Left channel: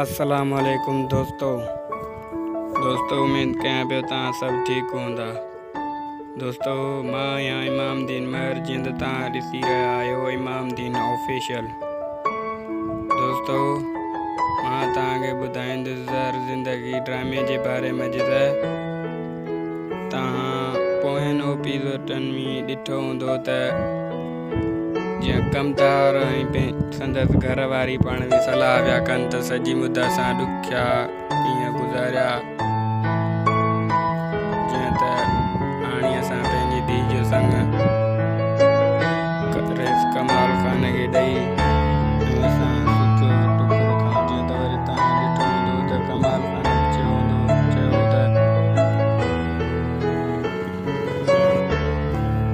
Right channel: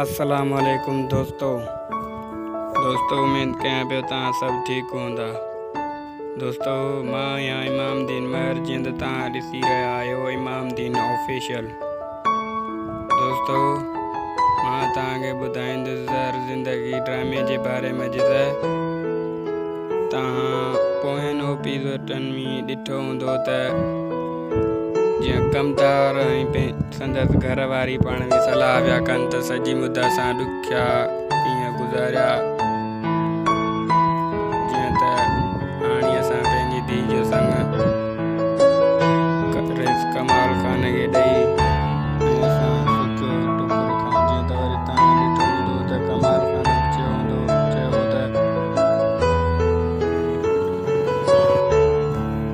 अस्सलाम वालेकुम दोस्तों उम्मीद कयां पियो तव्हां सभु ठीकु हूंदा। दोस्तों मां आहियां इमाम दीन महर, जीअं त तव्हां ॾिसी रहिया आहियो इमाम दीन ऑफिशियल। दोस्तों मां तव्हांखे ॿुधाईंदुसि ज़र ज़िंदगी ड्रामे जे बारे में। जिते तव्हां पोयनि एपिसोडनि में ॾिठो हूंदो त जीअं कमदार ऐं संदसि घर वारी पाण में सलाह पिया कनि त सॼी मुद्दा सां ॾुखिया कीअं गुज़ारिया। जीअं त हाणे असां पंहिंजी धीउ जो संग रेस कमाल खान खे ॾेई ऐं असां सुठो टुकुर खां जीअं त वरी तव्हां ॾिठो हूंदो त कमाल खान चयो त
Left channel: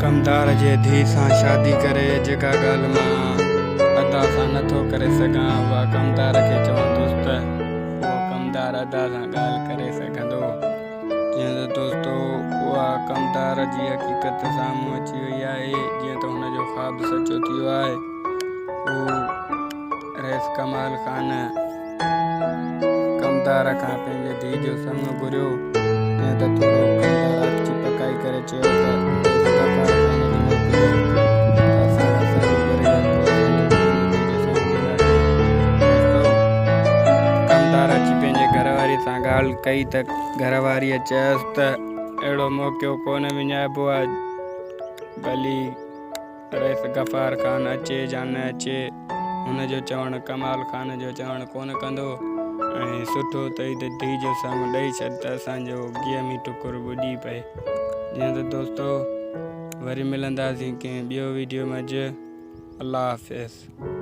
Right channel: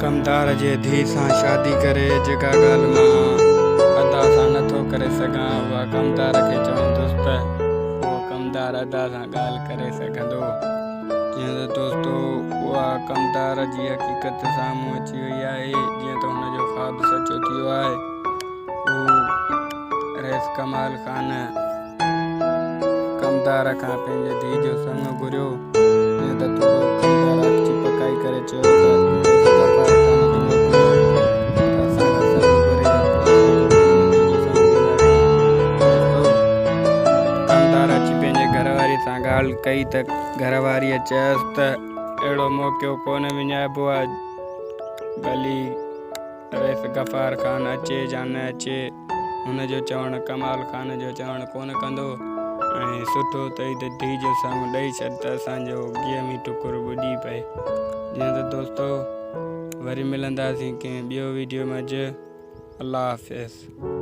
कमदार जे धीउ सां शादी करे जेका ॻाल्हि मां अदा सां नथो करे सघां उहा कमदार खे चवंदुसि त उहो कमदार अदा सां ॻाल्हि करे सघंदो। जीअं त दोस्तों उहा कमदार जी हक़ीक़त साम्हूं अची वई आहे। जीअं त हुनजो ख़्वाबु सचो थियो आहे। हू रेस कमाल खान कमदार खां पंहिंजे धीउ जो संग घुरियो। जीअं त थोरो कमदार अची पकाई करे चयो त अची पंहिंजे घरवारी सां ॻाल्हि कई त घरवारीअ चयसि त अहिड़ो मौक़ो कोन विञाइबो आहे, भली रेस गफ़ार ख़ान अचे या न अचे हुनजो चवणु कमाल ख़ान जो चवणु कोन कंदो। ऐं सुठो अथई त धीउ जो संग ॾेई छॾ त असांजो ॻीअ में टुकुर ॿुॾी पए। जीअं त दोस्तों वरी मिलंदासीं कंहिं ॿियो वीडियो में। अल्लाह हाफ़िज़।